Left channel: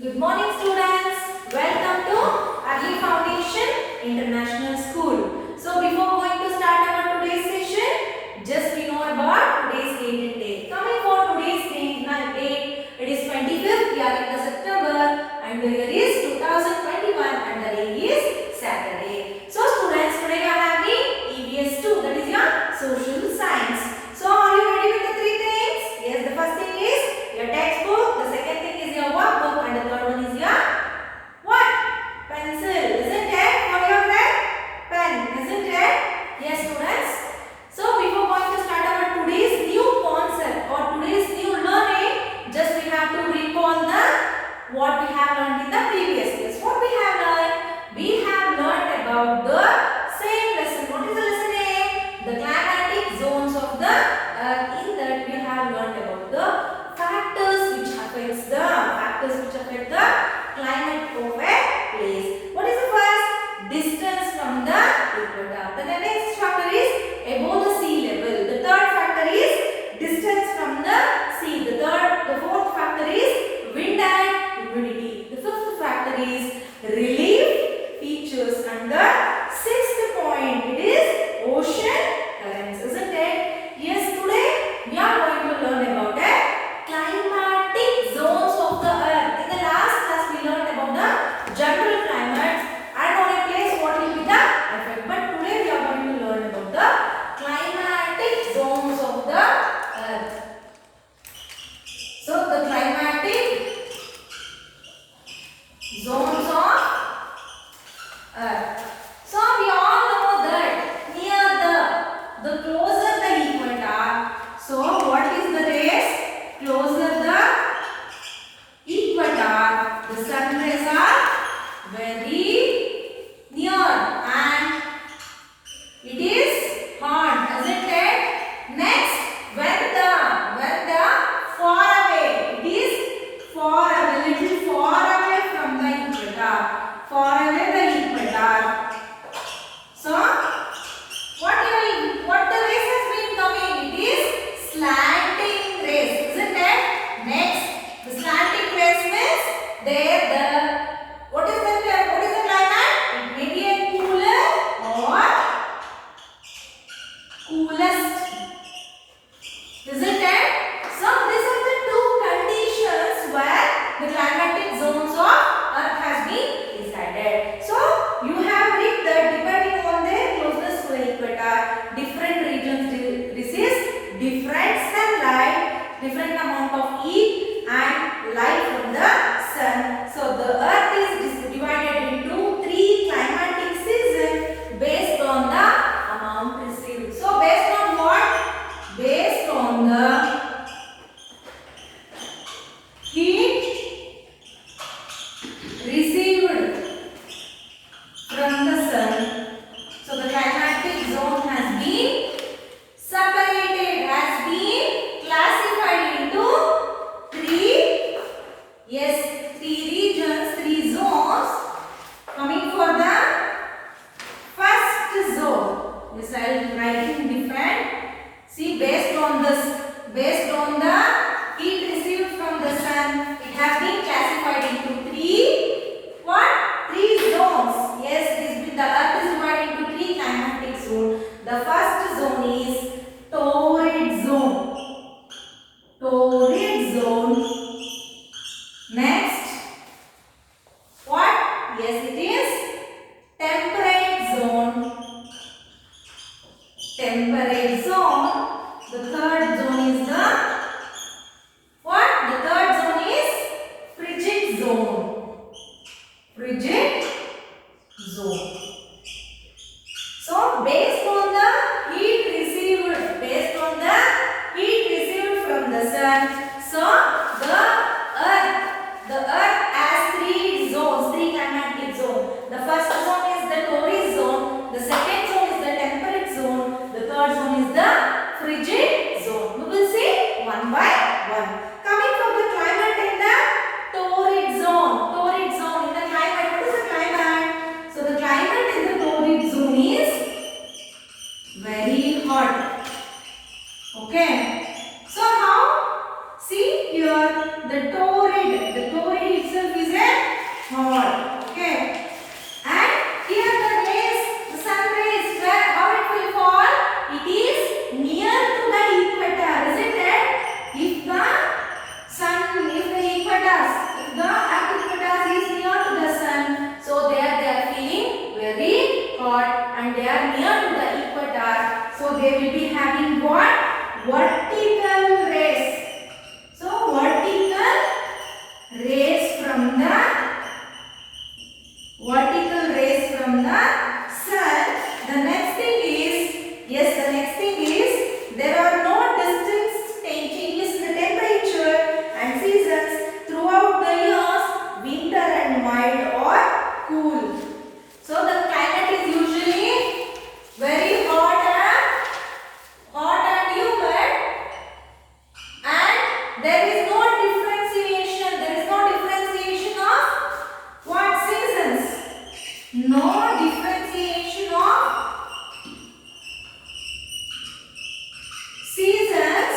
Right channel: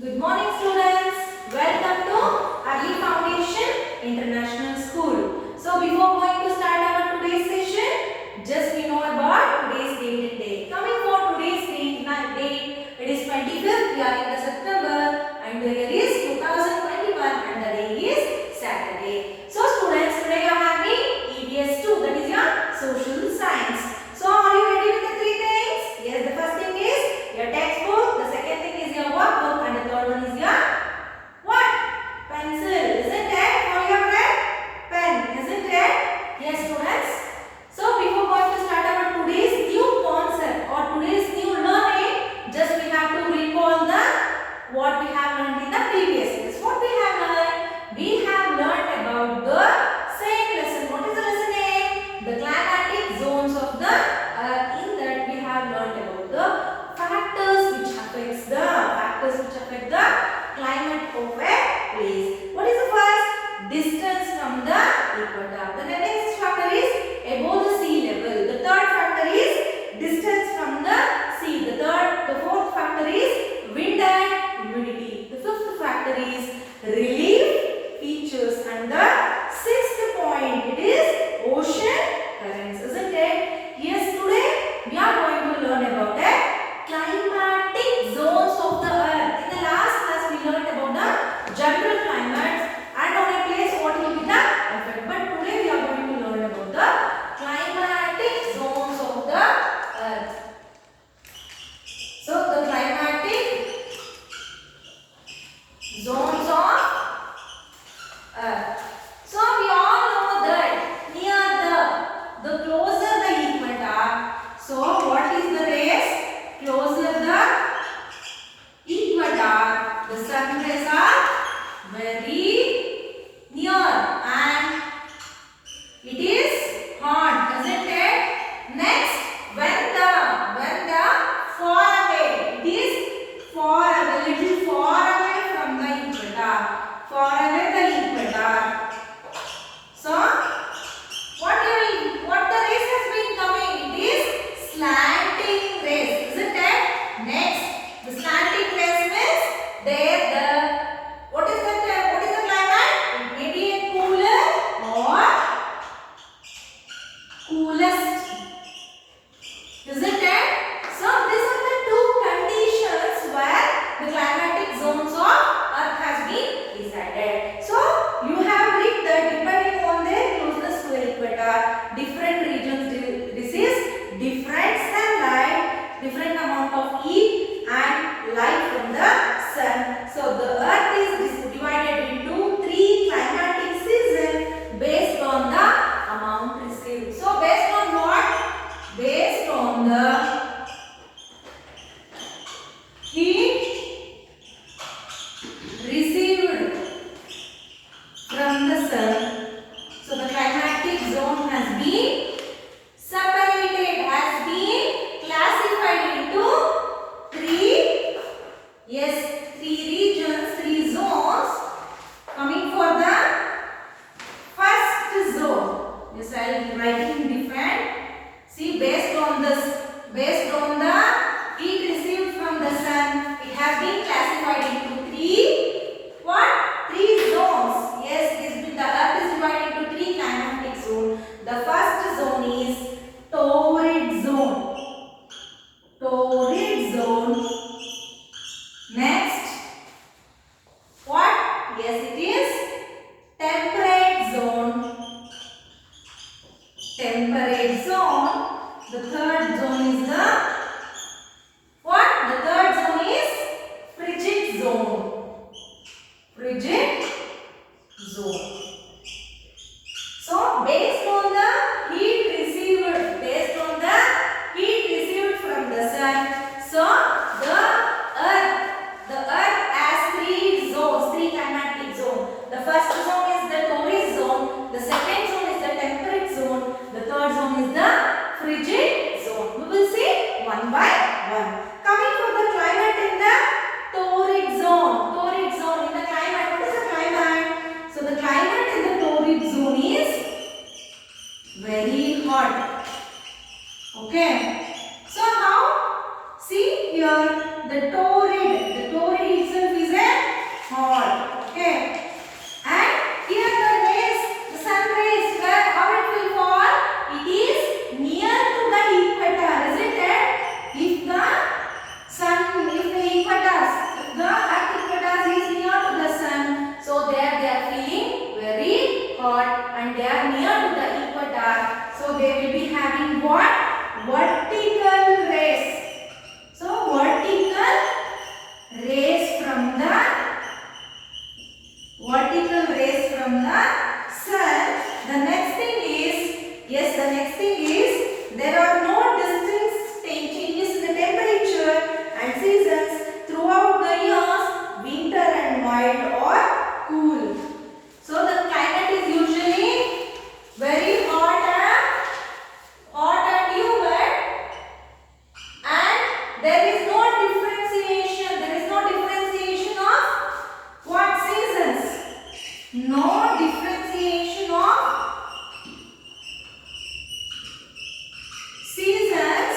Good morning students. Welcome to Early Foundation International School. So before going to start our today's session, just we know about today's date and day. Coming for today's date, it is 25th, we are in the September and the year is 2021 and the day is Saturday. So students, today you are having EVS 2, that is your social science. So are you ready with the three things? Yes, the first thing is your textbook, the second thing is your workbook and the third one is your what? Pencil, isn't it? For your pen, isn't it? Yes students. So before going to start our today's new concept or today's new learning, just we have to recall the what we have learned in the previous class. What we have learned? We have learned about the same lesson. What is the lesson name? The climatic zones of the earth. In that we have learned about the factors which affect the climate of a place. What is the first? Distance from the equator. The next factor is above the sea level. The third factor is distance from the sea. The fourth factor is wind and humidity. The fifth factor is relief features, and the sixth point it is ocean currents, isn't it? Yes, today we are going to learn about the climatic zones of the earth. In the last class we learned about the general climate and on a place what will be the effect. But today we are going to learn about the climatic zones of the earth. So the climatic zones of earth. So we all know that near the closer the equator. So what is the rays? Closer the equator, the sun rays are very near and it is hot, isn't it? Next, when the far away, it is far away, little far away from the equator, far away the equator. So, what the rays has been coming? It is slanting rays, isn't it? Next, the slanting rays means what is the climate? It may be a cooler or coolest, isn't it? So these are the two conditions where the climatic zones of earth has been decided. So you have read that depending on their closeness to the equator, different regions receive different sunlight, different amount of heat and light from the sun. So the earth is divided into three climatic seasons based on the amount received. So based on what? Based on the heat received from the sun. So the climatic zone has been separated, has been classified into three regions, three zones. Coming for the first zone, yes, I am writing different. See, based on the heat received from the sun, vertical rays. So vertical rays from the sun. The next thing is there are no distinct changes in the temperature and seasons throughout the years, winter and mild or cool. So the climate is usually very hot and humid, and there is no differentiation. There is no differentiation of what seasons? No differentiation of seasons.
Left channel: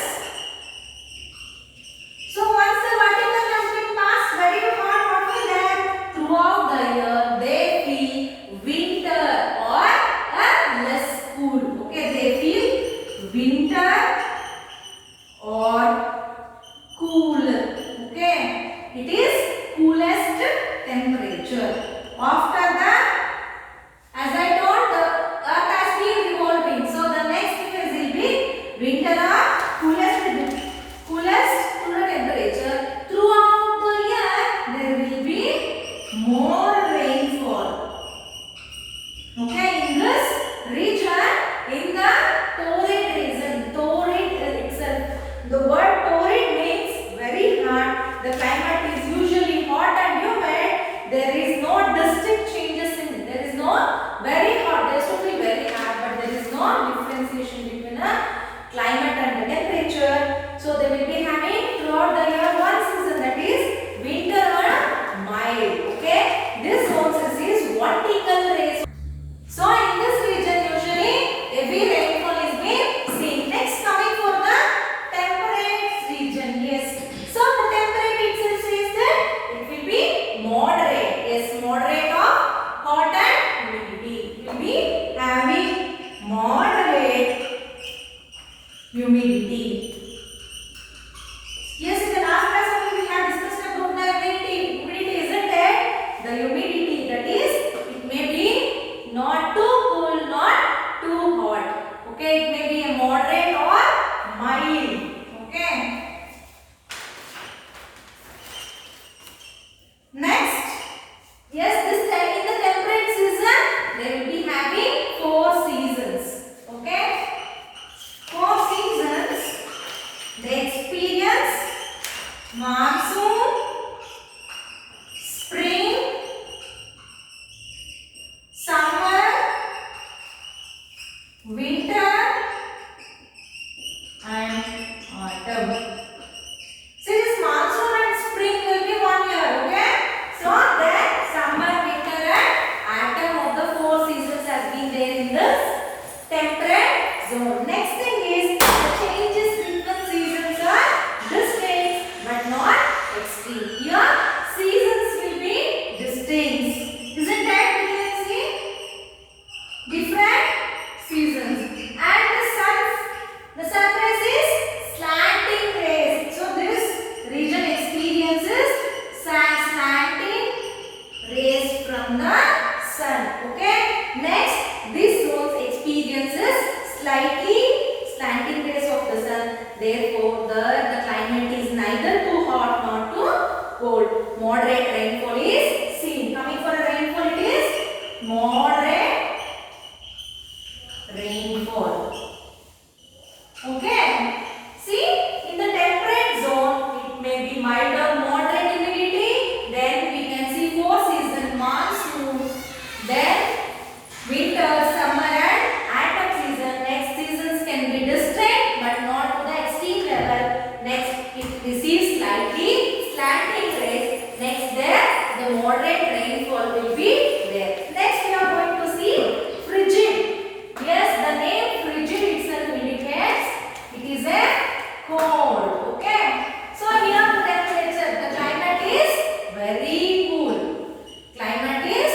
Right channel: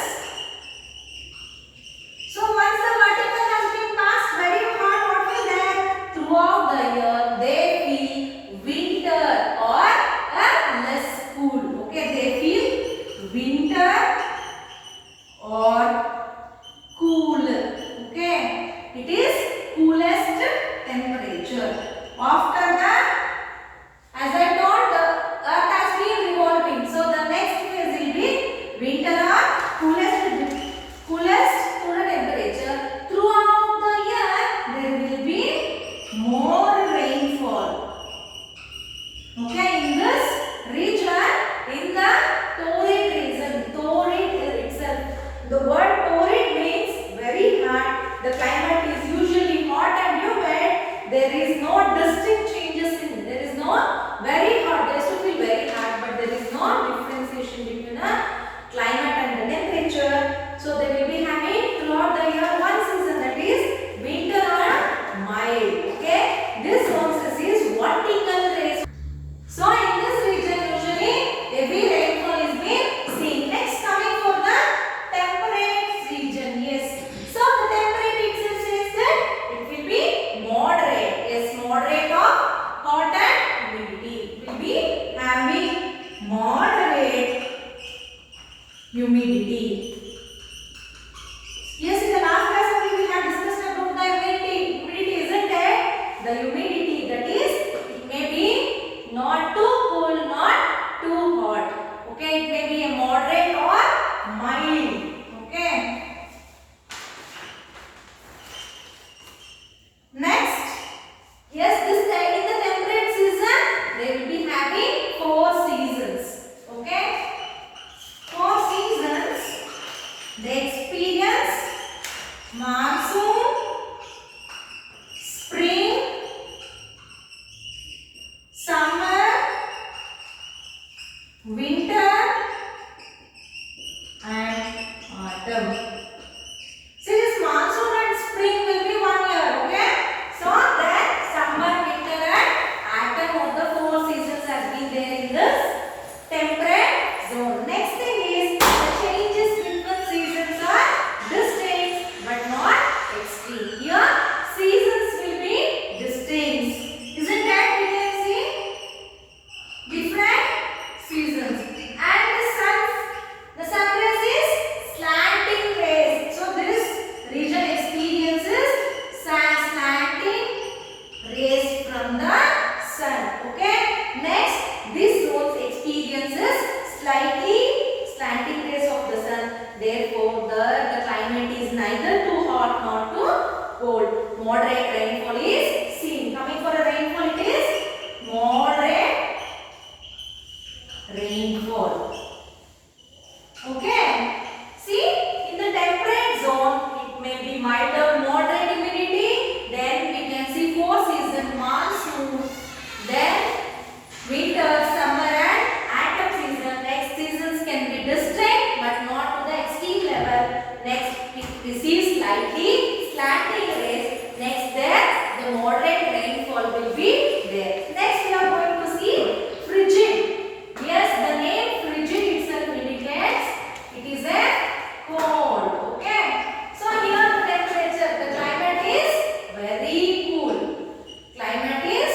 So once the vertical has been passed, very hot, what will happen? Throughout the year, they feel winter or less cool. Okay, they feel winter or cool. Okay, it is coolest temperature. After that, as I told, the earth has been revolving. So the next phase will be winter or coolest temperature. Throughout the year, there will be more rainfall. Okay, in this region, in the torrid region, torrid itself. The word torrid means very hot. The climate is usually hot and humid. There is no distinct changes in it. There is no very hot. There is to feel very hot, but there is no differentiation between a climate and the temperature. So they will be having throughout the year one season, that is winter or mild. Okay, this process is vertical rays. So in this region usually heavy rainfall is being seen. Next, coming for the temperate region. Yes. So the temperate itself says that it will be moderate. Yes, moderate of hot and humidity. It will be having moderate humidity. Yes, in the last class only we had discussed about the humidity, isn't it? The humidity, that is, it may be not too cool, not too hot. Okay, it may be a moderate or mild. Okay. Next, yes, this time in the temperate season, they will be having 4 seasons. Okay, 4 seasons. They experience monsoon, spring, summer, winter and autumn. So this monsoon and spring will be 1 year, okay? So then summer, winter and autumn of the 4 seasons has been there in this temperate zone. Next thing is the changes between seasons are distinct but not extreme. Here seasons will be distinct. Isn't that we can see? Different seasons. And the sunrise is slanting rays. So this region experiences slanting rays from the sun. Okay. Next, this zone experiences slightly slanting rays of the sun. Therefore, the climate is neither too hot nor too cold. Moderate rainfall is seen. Coming for a rainfall, it is moderate rainfall. Okay. See, in the temperate zone, it may be mild or moderate humidity. Then we can see 4 seasons: monsoon, then winter, summer and autumn season. Next seasons can be distinct but not to the extreme level. Next, it receives slightly slanting rays. Next, there the moderate rainfall will be there. Next, we are going to see frigid. Yes, the name frigid itself indicates it is a cold. Okay. So here the temperature, the climate is very cool. Climate is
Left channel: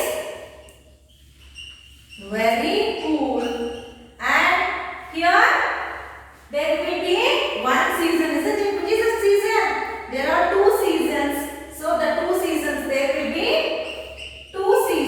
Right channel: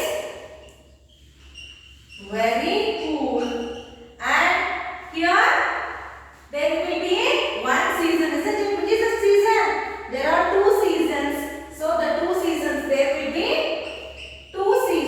very cool. And here there will be one season, isn't it? Which is a season? There are 2 seasons. So the 2 seasons, there will be 2 seasons.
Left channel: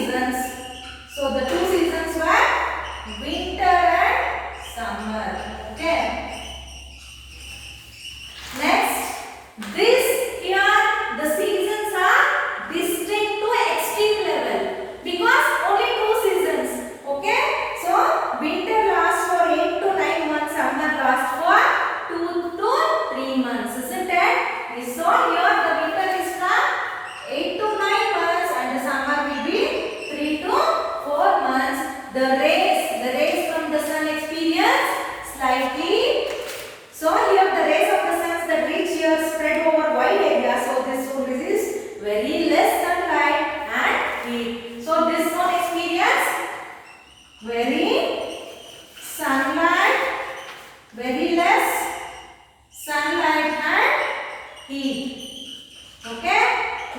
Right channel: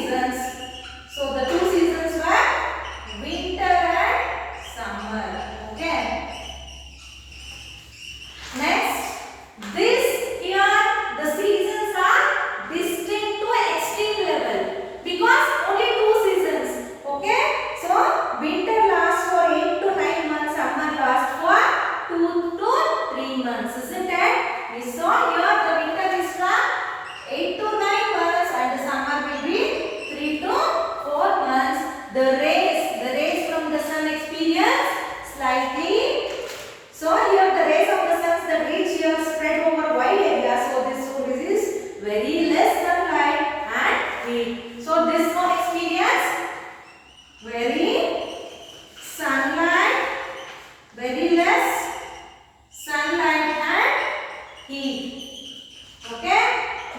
Okay,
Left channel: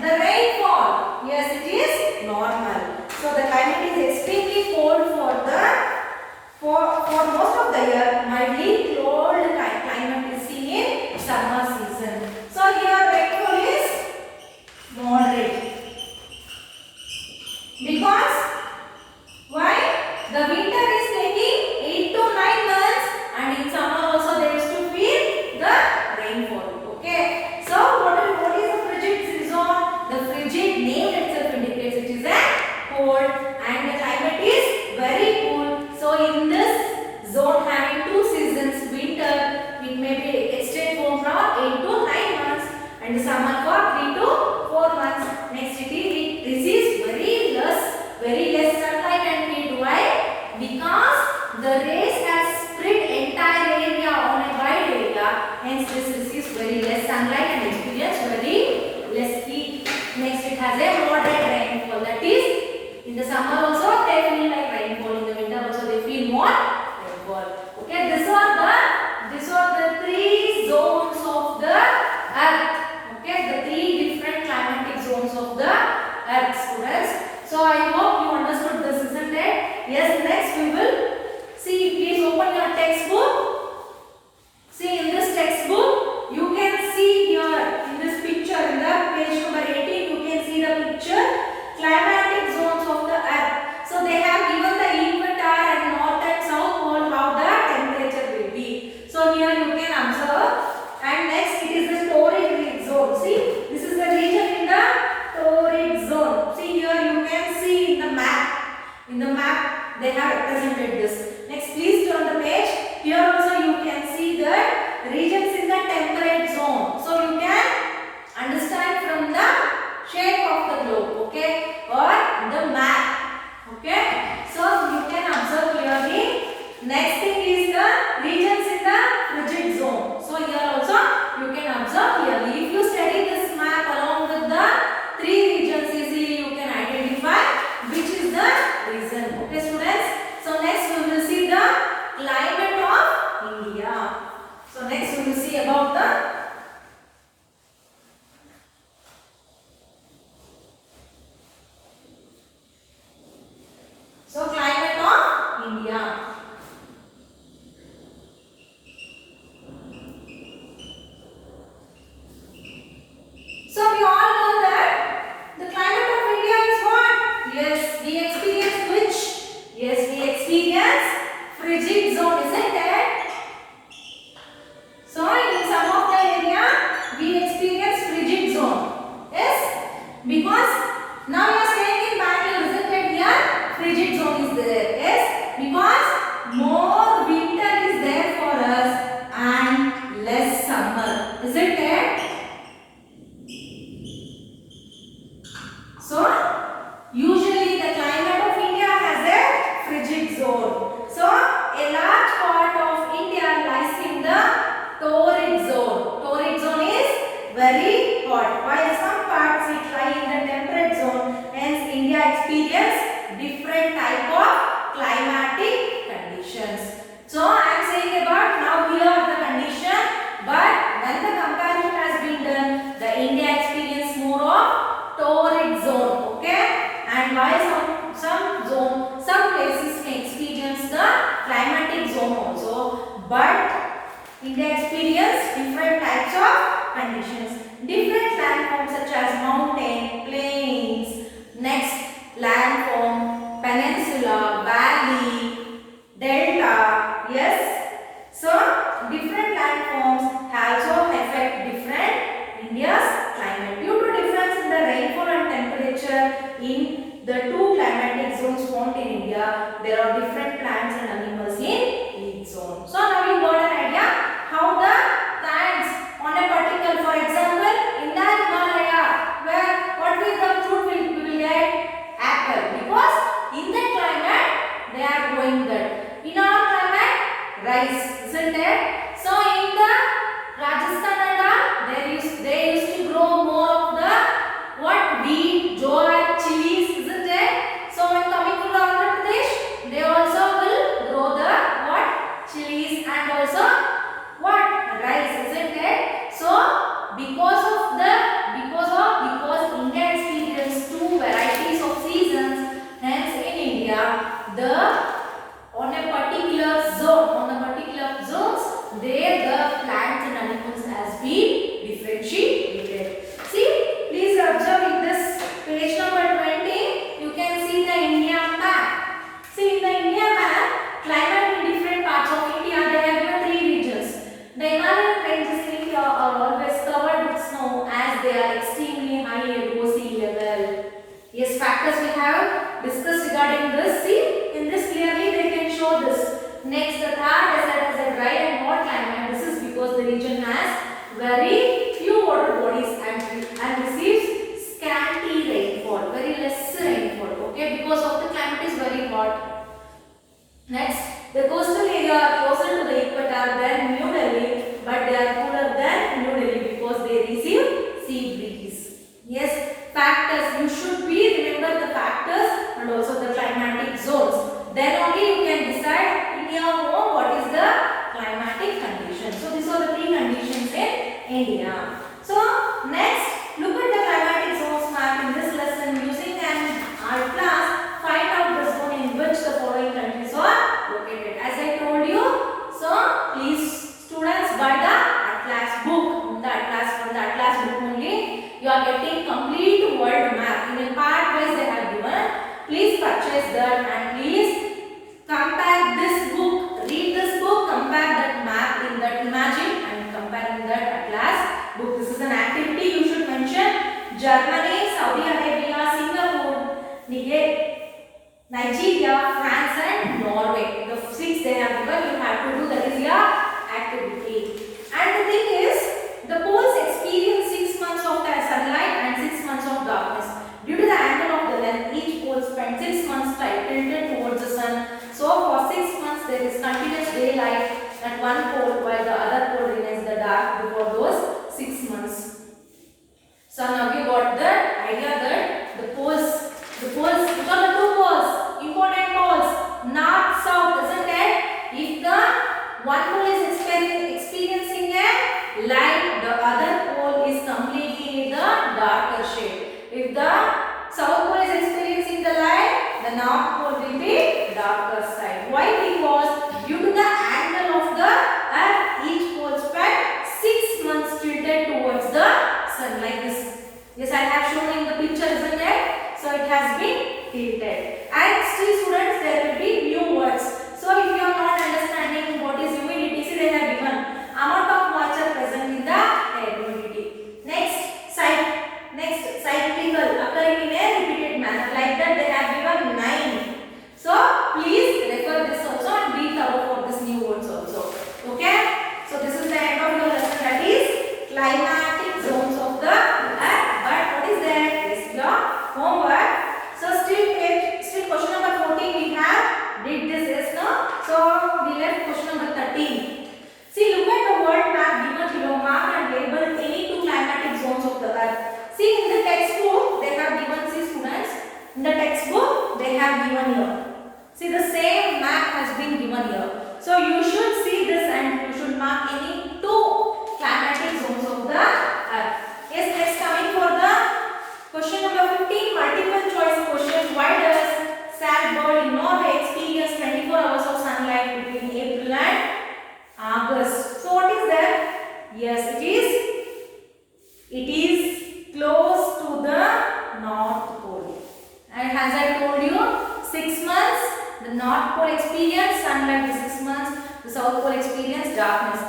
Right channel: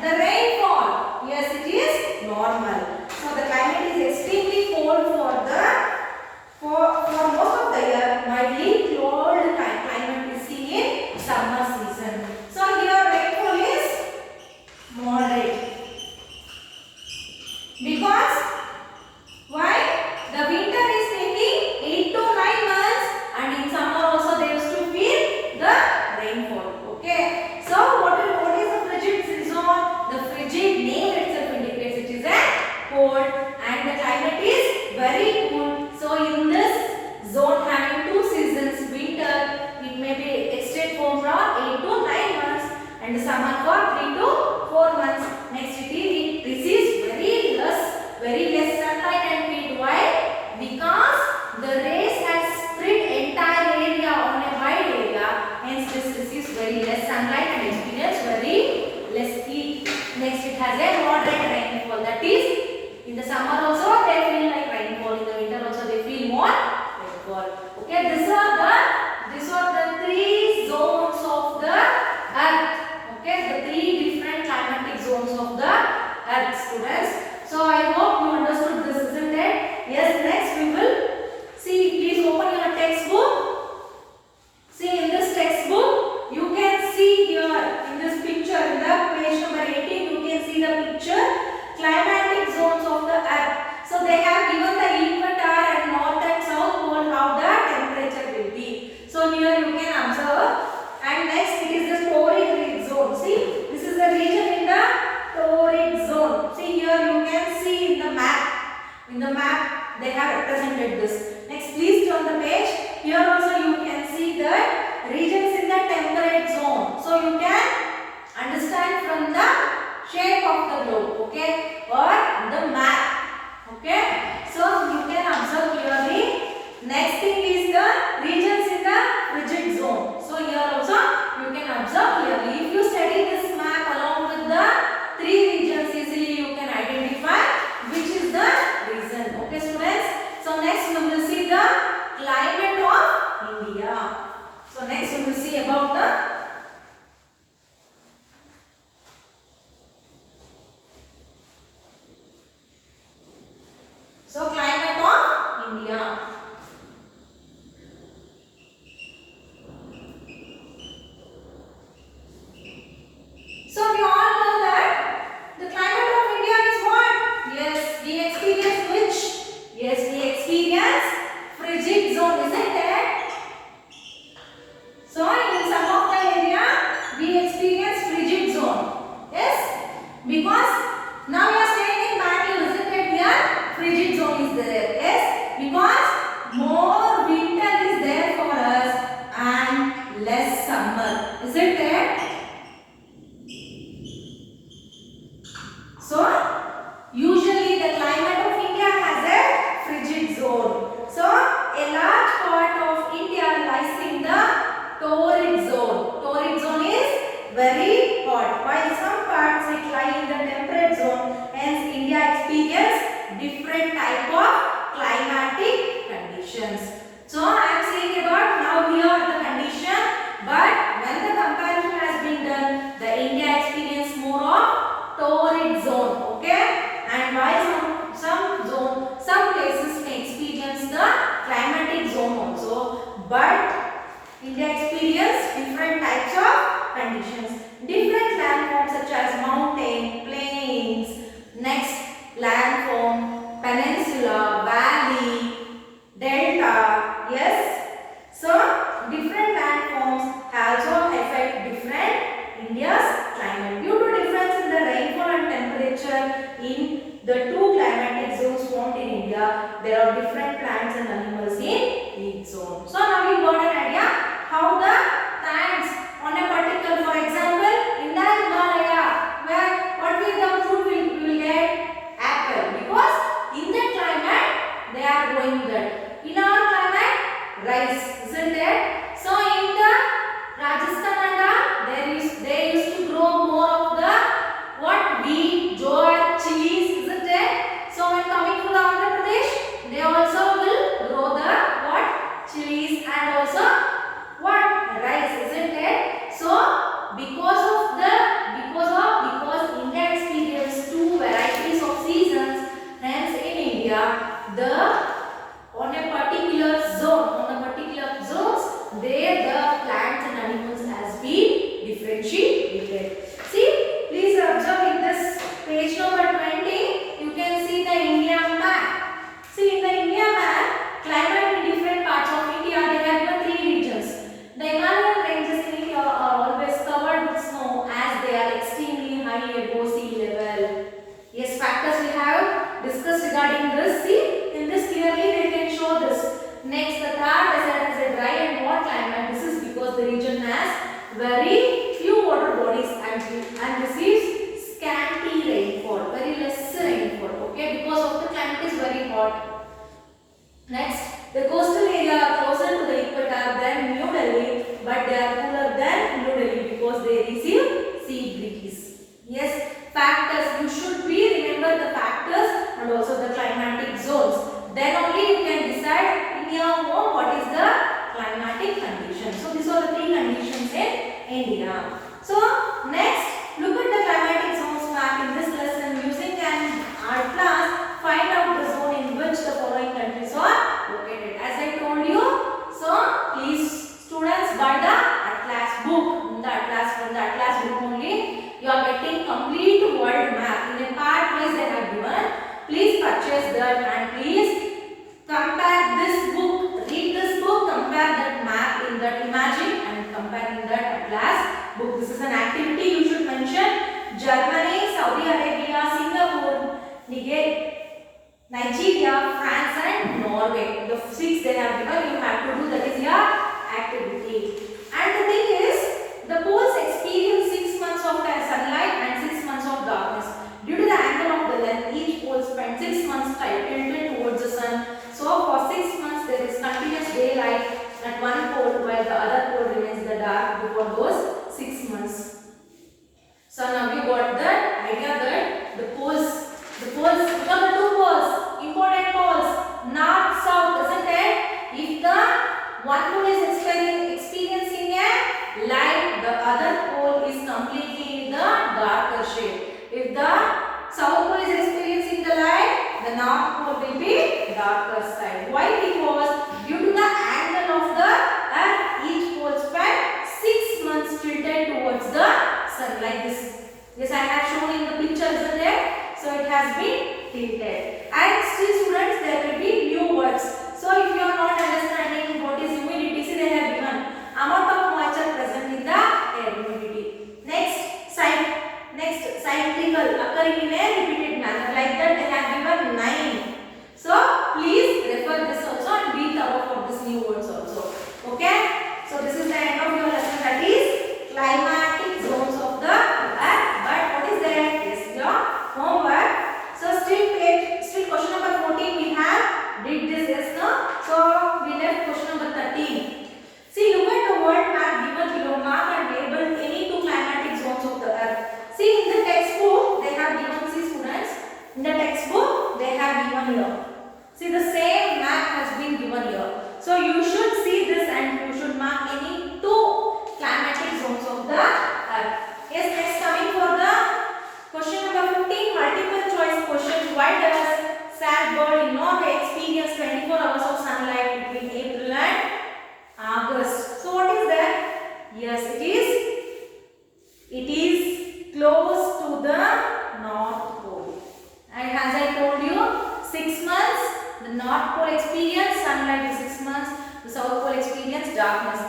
the rainfall, yes, it is normal. So the climate is extremely cold for most of the year. Mildly cold climate is seen in summer season. So here rainfall is moderate because why? The winter is taking 8 to 9 months, and in summer also they used to feel the rainfall. Okay. So what is the frigid zone? The frigid name itself indicates it is a cold, and the climate is very cool. So in this zone having two seasons, winter it may be extend from 8 to 9 months, and summer for 3 to 4 months. Next it receives very less sunlight and heat. Why? Because the rays has spread entire area on a wide area, hence this receives very less sunlight and experience very less heat. Next it has a moderate rainfall, that is in the summer also they feel like rainfall, in the winter also they feel more rainfall. Okay, these are the three zones of the earth. Okay, the three different climatic zones of the earth, students. So I hope you understood this, isn't it? Yes, next we will see. Please open your textbook. See, in this textbook, you can see here in this picture, in the page number 18, you can see the picture, climatic zones of the earth. So they have given the equator and north and south pole, how the temperature will be. So here you can observe. And next it is the torrid zone. See, this is the region in the torrid zone. See here you can see in the map. In the map they have represented this. Next please turn the page. Here also you can see the regions in the temperate zone. So you can understand from the shape of the globe, okay, or the map. Okay, so you can observe clearly. Next thing is the regions in the frigid zone. So here also you can observe clearly. If you study this map along with the three regions, easily you can identify which is the region. Okay, students. So next we will see the climate of India. So next we will see about the climate of India. So we all know that the climate of India is what? Yes, we experience which? Yes, we experience frigid zone, isn't it? So in some of the area we experience frigid zone. Yes, because now we are staying in Bangalore, isn't it? Here frigid zone is there. Yes, because more winter is there for us and less summer, isn't it? So usually the climate of India has a frigid zone. So a large part of India lies in the torrid zone. Torrid zone is very hot, while some parts it lie in the temperate zone. Hence India experience different type of climatic conditions. So I am saying about now here are the condition, but when the comparison has been done, the India experience more of torrid zone. Okay, and while some places may experience the climatic zone also, but India experience different types of conditions. Different landforms such as mountain, plains, next landform, peninsula, valley, delta. Yes, so different landforms also affect different India's climate. Due to difference in the rainfall and temperature in the two climatic zones found in India, there are different plants and animals in each zone. So now you got an idea how the plants on a particular, for example, in the Himalaya, where what will the fruit we will get? Apple, because in that climate they are growing that. In our climate, rice, isn't it? So in the Rajasthan and all, they used to grow more of the what? Wheat, jowar, chilies, isn't it? So when coming to the Andhra Pradesh, they also will grow the what? Chilies and regarding this. See, in this clearly they can show this. Next, the Thar desert is a dry and hot climate. This is because the region has very few water bodies and receives scanty rainfall, very less rainfall. Okay, because of the climate is very hot. Next, the coastal area are closer to the equator than New Delhi, but they are cooler than New Delhi because they receive sea breeze. Yes, factors. You should remember the factors and also the climatic zones. Then only you can decide in your home what is the climatic condition. So these are the three conditions in India. So next, look at the climatic zones map in this lesson using an art class. Find out the zone in which the following countries are located. As I told you, so please students buy the Atlas book. In the Atlas book only you are getting complete world map. In a part wise they have given. Please purchase that and please compare this book. Read this book, compare that map in that imagine and compare in that Atlas book. This is an activity you should mention. Germany, Saudi Arabia, Singapore, Nigeria, France and Norway. The 6 they have given, you have to do, that is your activity. And the thing is, the poles experience 6 months of sunlight and 6 months of darkness. Due to the angle of the length, each pole spends 6 months tilted towards the sun. So for 6 months there is continuous daylight at one pole while the other pole remains the dark before those 6 months. So now you got the idea that the poles, which are the two poles, important poles, north, south, isn't it? If the one pole is experiencing a light, the other pole is completely in the darker shade. If the south pole is experiencing the light, the north pole will be darker side. Why? Because due to the angle of the earth, each pole spent 6 months tilted towards the sun like this. Yes, I have shown in the picture, isn't it? So it has been tilted. And still students, there will be new words. So if you are not understanding what is humidity, see they have given amount of moisture present in the air, humidity. Next, cyclical, occurring in a repeated manner. Like that they have given 9. So please refer this also and be thorough for this new words also. Okay? So this is the end of your lesson, that is climatic zones of the earth. But what is there? Yes, your homework. So still question number 14 we have did this, yes, no? So we left question number 13. See, look at the world map given below. Mark and label any two climatic zones of the earth. See, in the textbook they have given, see students, in the textbook they have given here. See, the same map has been given here. So you should see this and you should mark any two climatic zones of the earth. Yes, next coming for the question number 15, multiple choice question. Why does Svalbard in Norway experience 24 hours of sunlight between April and August? So what is that? Yes, it is close to the North Pole. And as I told you, 6 months, the North Pole experience sunlight for 6 months, the South Pole experience darkness.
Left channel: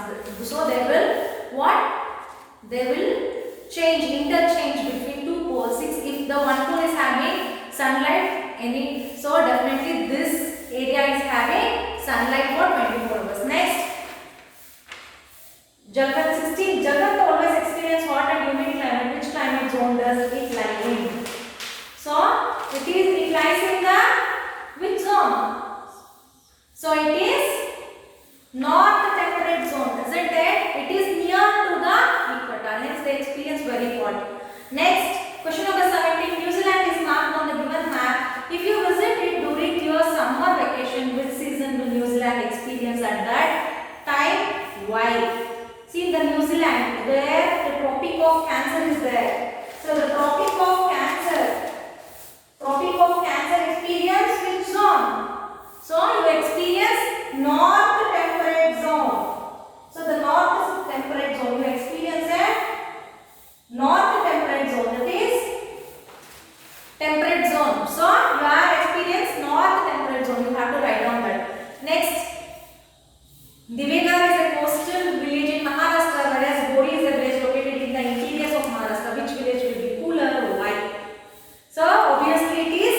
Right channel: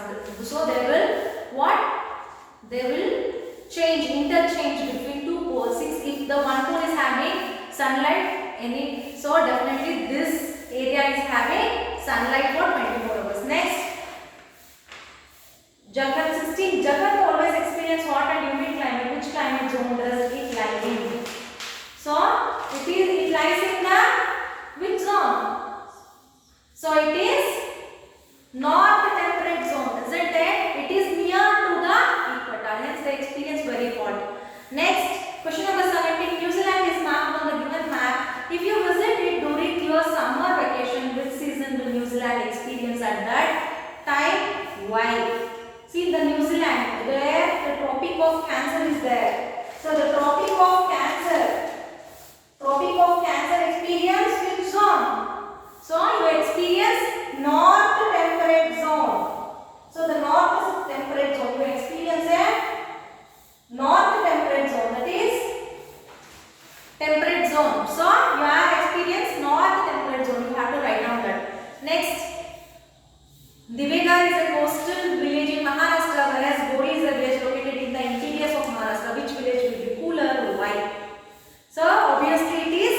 So they will what? They will interchange between two poles. If the one pole is having sunlight, so definitely this area is having sunlight for 24 hours. Next, Jharkhand 16. Jharkhand always experience hot and humid climate. Which climate zone does it lie in? So it lies in the which zone? So it is north temperate zone, isn't it? It is near to the equator, hence they experience very hot. Next, question number 17. New Zealand is marked on the given map. If you visit it during your summer vacation, which season will New Zealand experience at that time? Why? See, in the New Zealand, where the Tropic of Cancer is there. So the Tropic of Cancer experience which zone? So you experience north temperate zone. So the north is temperate zone. You experience a north temperate zone. That is temperate zone. So you have experienced north temperate zone. You have to write down that. Next, Divegar is a coastal village in Maharashtra, whereas Gori is a village located in the interiors of Maharashtra. Which village will be cooler or why? So obviously it is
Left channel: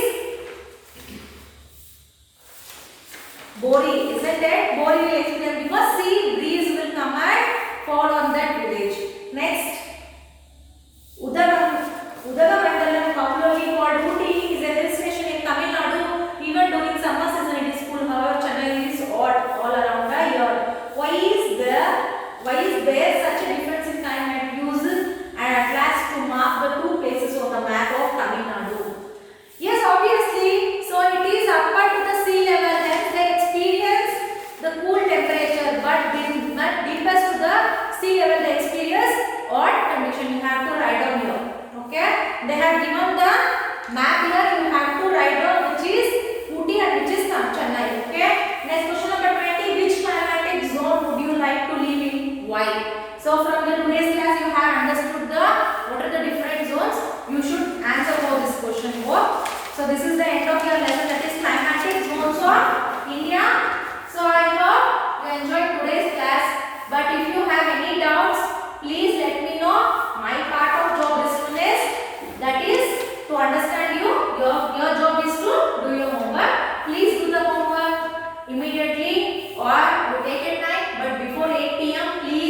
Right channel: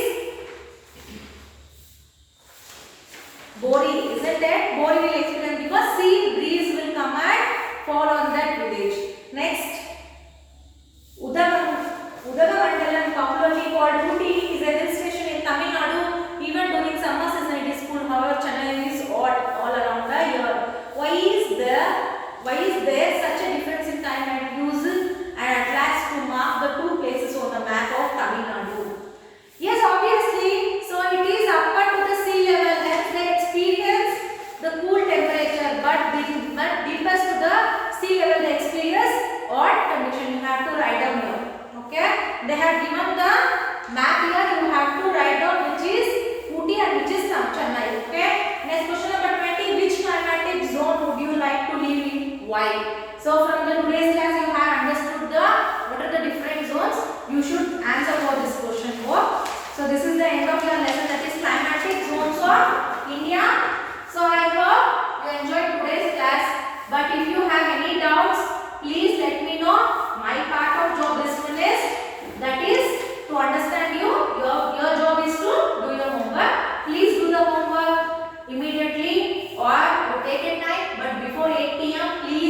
Okay, they have given the map here. You have to write down which is Ooty and which is Chennai. Okay, next question number 20. Which climatic zone would you like to live in? Why? So from the today's class you have understood the what are the different zones. You should answer for this question. So this is the end of your lesson, that is climatic zones of India. So I hope you enjoyed today's class. But if you have any doubts, please let me know. My part of job is that is to understand you. Your job is to do your homework. Please do the homework immediately or you take a time. But before 8 p.m. please